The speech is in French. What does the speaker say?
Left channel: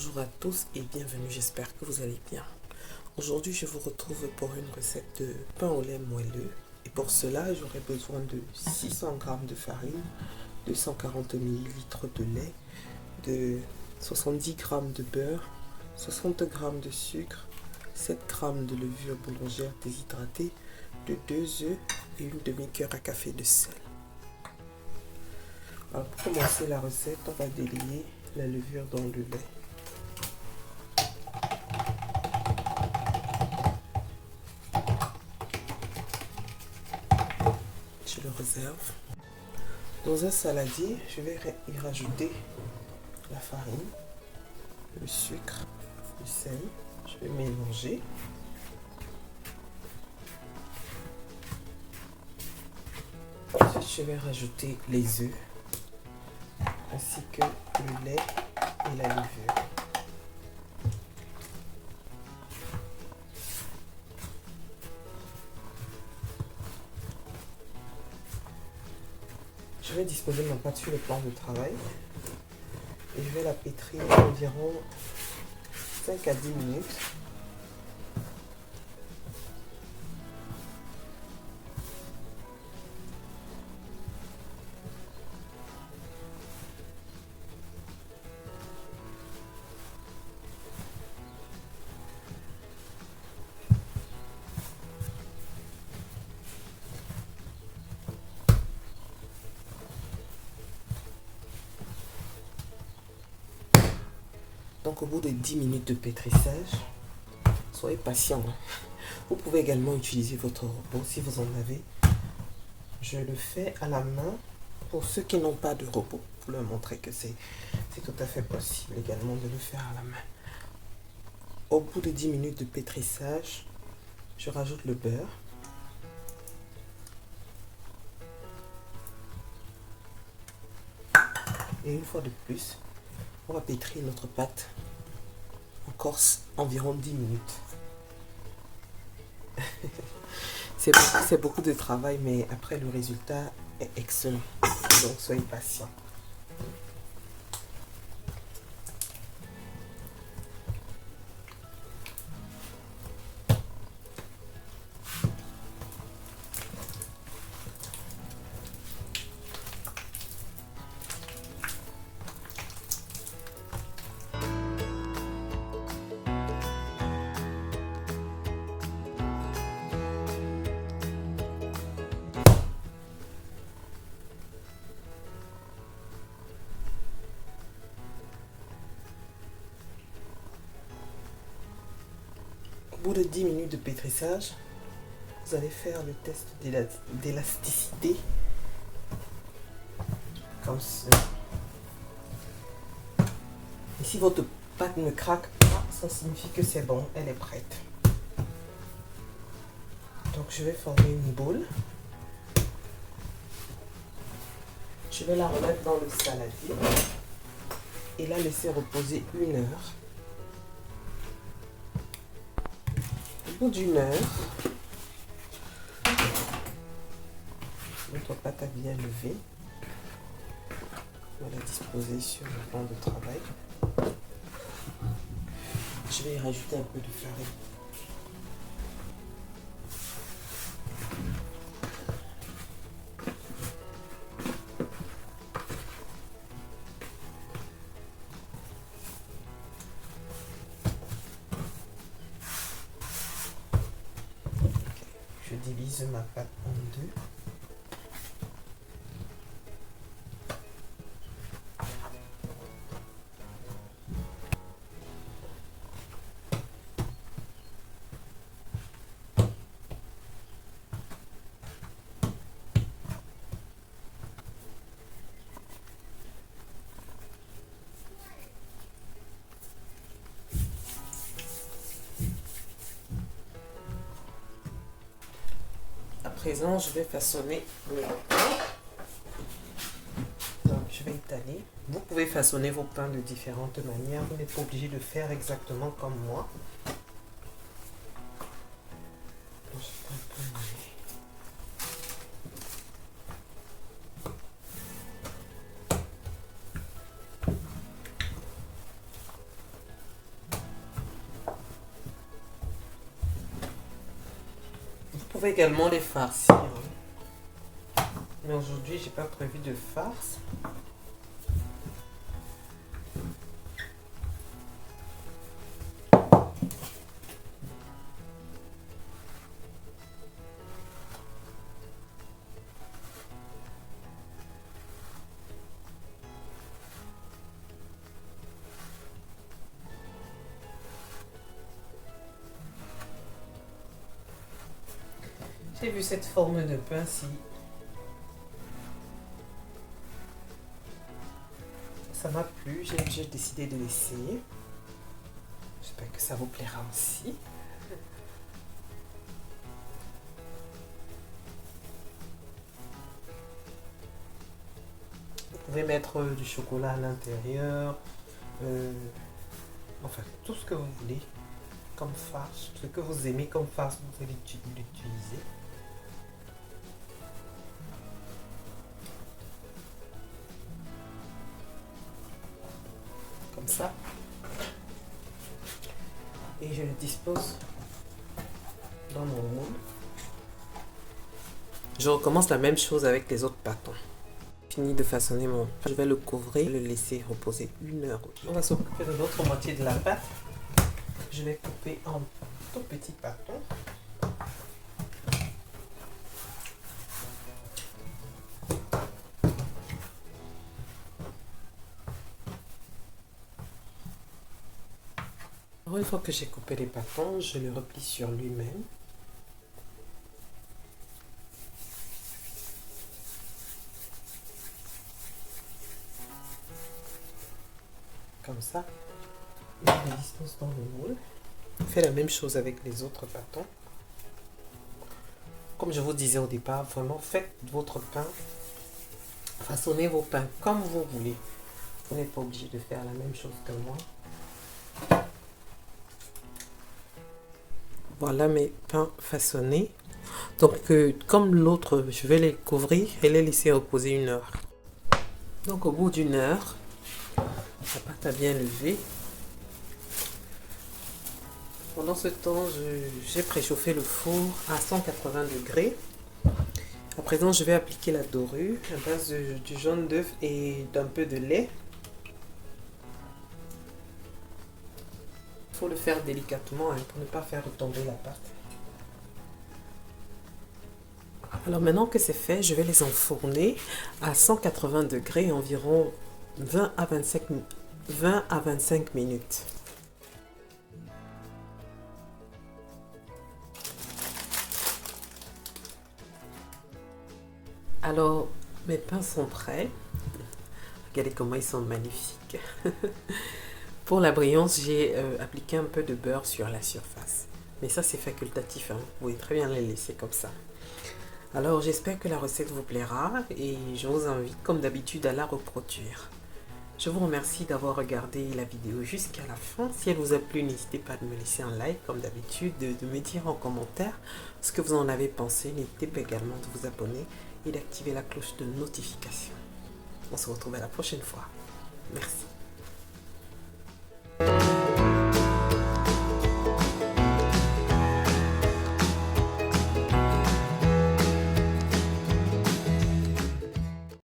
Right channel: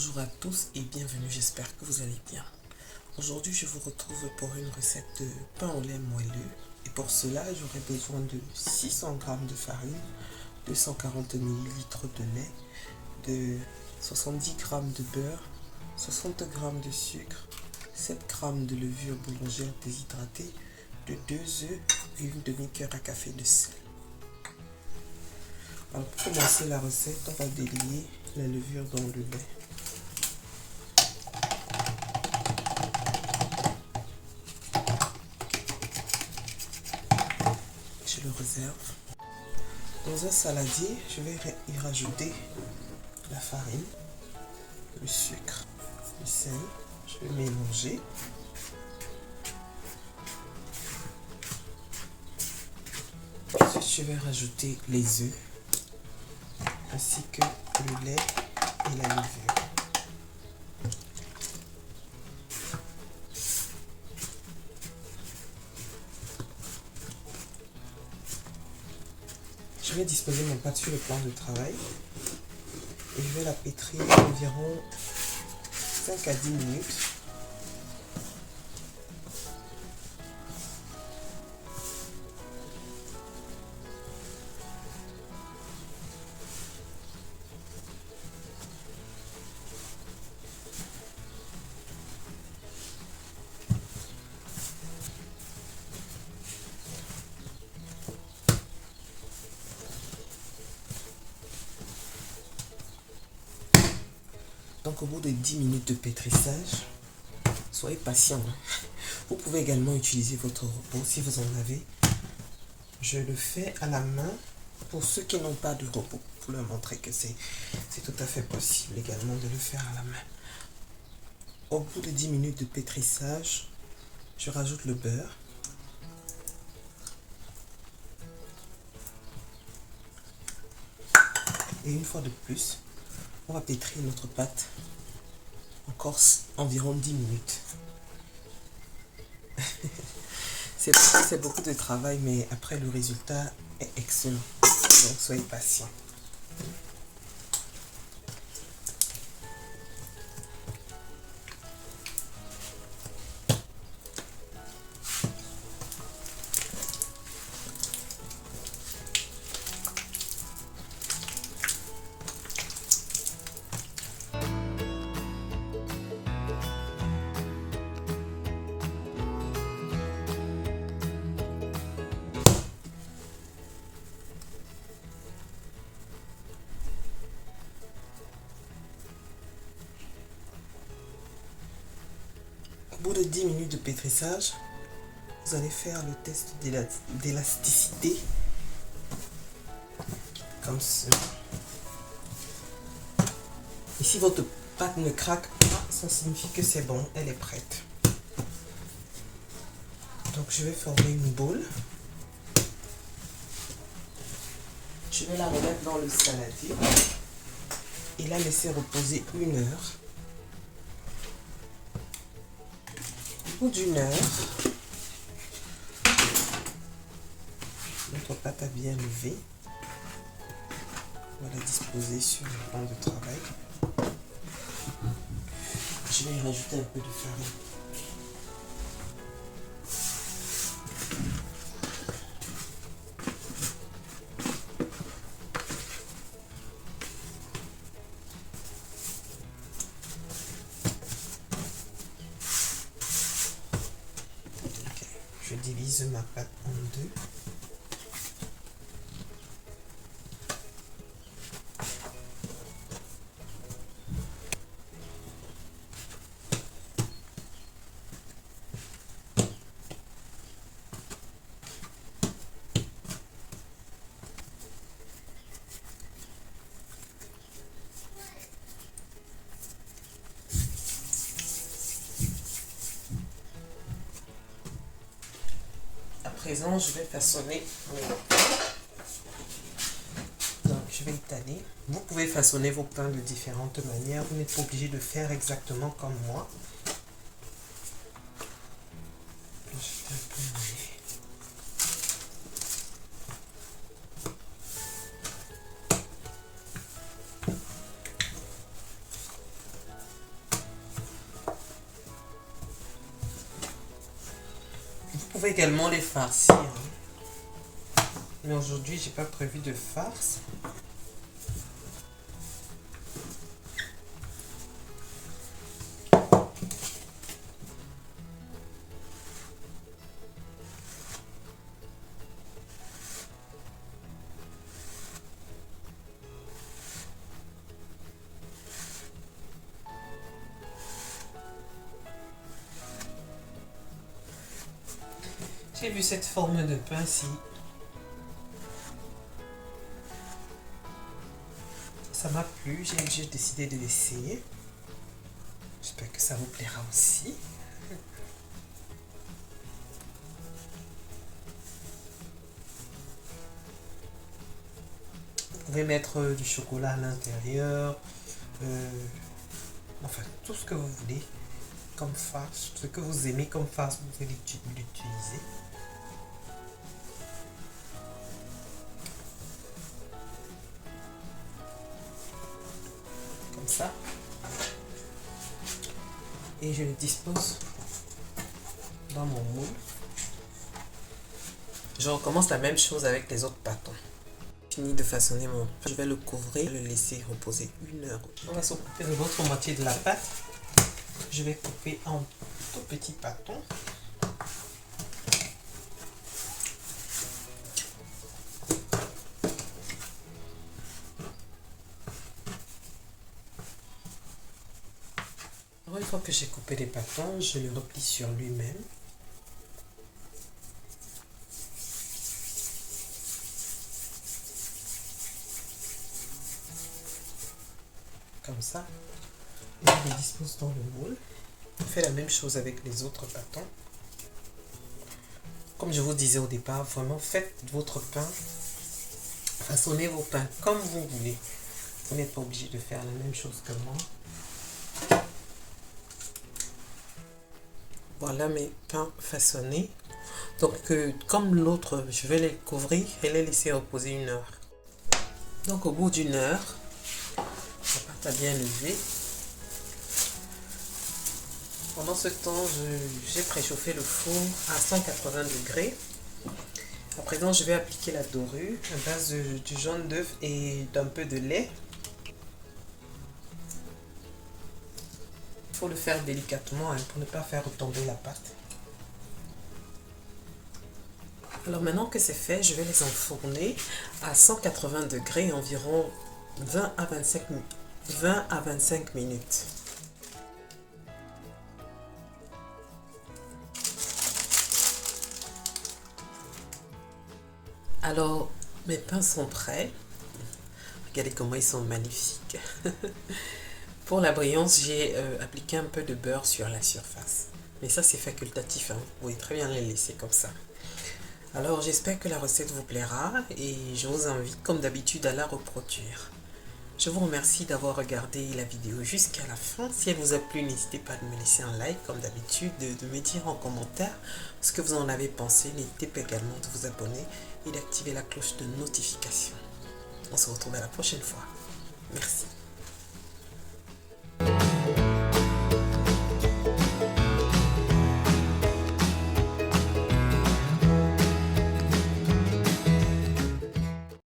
Bonjour à tous et bienvenue, j'espère que vous allez bien. Aujourd'hui, je vous retrouve pour une recette de pain au lait moelleux. Et pour cela, j'aurai besoin de 600 g de farine, 240 ml de lait, de 70 g de beurre, 60 g de sucre, 7 g de levure boulangère déshydratée, de 2 œufs et une demi-cuillère à café de sel. Alors pour commencer la recette, on va délier la levure dans le lait. Je le réserve. Dans un saladier, je vais y rajouter la farine, le sucre, le sel. Je vais mélanger. Ensuite, je vais rajouter les œufs ainsi que le lait et la levure. Je vais disposer mon pâte sur le plan de travail et je vais la pétrir environ 5 à 10 minutes. Donc au bout de 10 minutes de pétrissage, soyez patient. Vous pouvez également utiliser votre robot si vous en avez. Je le fais à la main pour ceux qui n'ont pas de robot, pour leur montrer que c'est tout à fait possible également de le faire à la main. Au bout de 10 minutes de pétrissage, je rajoute le beurre. Et une fois de plus, on va pétrir notre pâte encore environ 10 minutes. C'est beaucoup de travail, mais après le résultat est excellent. Donc soyez patient. Au bout de 10 minutes de pétrissage, vous allez faire le test d'élasticité comme ça. Et si votre pâte ne craque pas, ça signifie que c'est bon, elle est prête. Donc je vais former une boule. Je vais la remettre dans le saladier et la laisser reposer 1 heure. Au bout d'1 heure, notre pâte a bien levé. On va la disposer sur le plan de travail. Je vais y rajouter un peu de farine. Je divise ma pâte en deux. À présent, je vais façonner mon pain. Donc, je vais étaler. Vous pouvez façonner vos pains de différentes manières. Vous n'êtes pas obligé de faire exactement comme moi. Je fais un peu de lait. pouvez également les farcir, hein. Mais aujourd'hui, j'ai pas prévu de farce. J'ai vu cette forme de pain-ci. Ça m'a plu, j'ai décidé de l'essayer. J'espère que ça vous plaira aussi. Vous pouvez mettre du chocolat à l'intérieur. Enfin, tout ce que vous voulez comme farce, ce que vous aimez comme farce, vous allez l'utiliser. Comme ça. Et je le dispose dans mon moule. Je recommence la même chose avec les autres bâtons. Fini de façonner mon pain, je vais le couvrir, le laisser reposer 1 heure. On va s'occuper de l'autre moitié de la pâte. Je vais couper en tout petits bâtons. Une fois que j'ai coupé les bâtons, je le replie sur lui-même. Comme ça. Et je les dispose dans le moule. Je fais la même chose avec les autres bâtons. Comme je vous disais au départ, vraiment faites votre pain. Façonnez vos pains comme vous voulez. Vous n'êtes pas obligé de faire la même chose que moi. Voilà mes pains façonnés. Donc comme l'autre, je vais les couvrir et les laisser reposer 1 heure. Donc au bout d'1 heure, la pâte a bien levé. Pendant ce temps, j'ai préchauffé le four à 180 degrés. À présent, je vais appliquer la dorure à base du jaune d'œuf et d'un peu de lait. Il faut le faire délicatement, hein, pour ne pas faire retomber la pâte. Alors maintenant que c'est fait, je vais les enfourner à 180 degrés environ 20 à 25 minutes. Alors, mes pains sont prêts. Regardez comment ils sont magnifiques. Pour la brillance, j'ai appliqué un peu de beurre sur la surface. Mais ça, c'est facultatif, hein. Vous pouvez très bien les laisser comme ça. Alors, j'espère que la recette vous plaira et je vous invite, comme d'habitude, à la reproduire. Je vous remercie d'avoir regardé la vidéo jusqu'à la fin. Si elle vous a plu, n'hésitez pas à me laisser un like, comme d'habitude, de me dire en commentaire ce que vous en avez pensé. N'hésitez pas également de vous abonner et d'activer la cloche de notification. On se retrouve à la prochaine fois. Merci.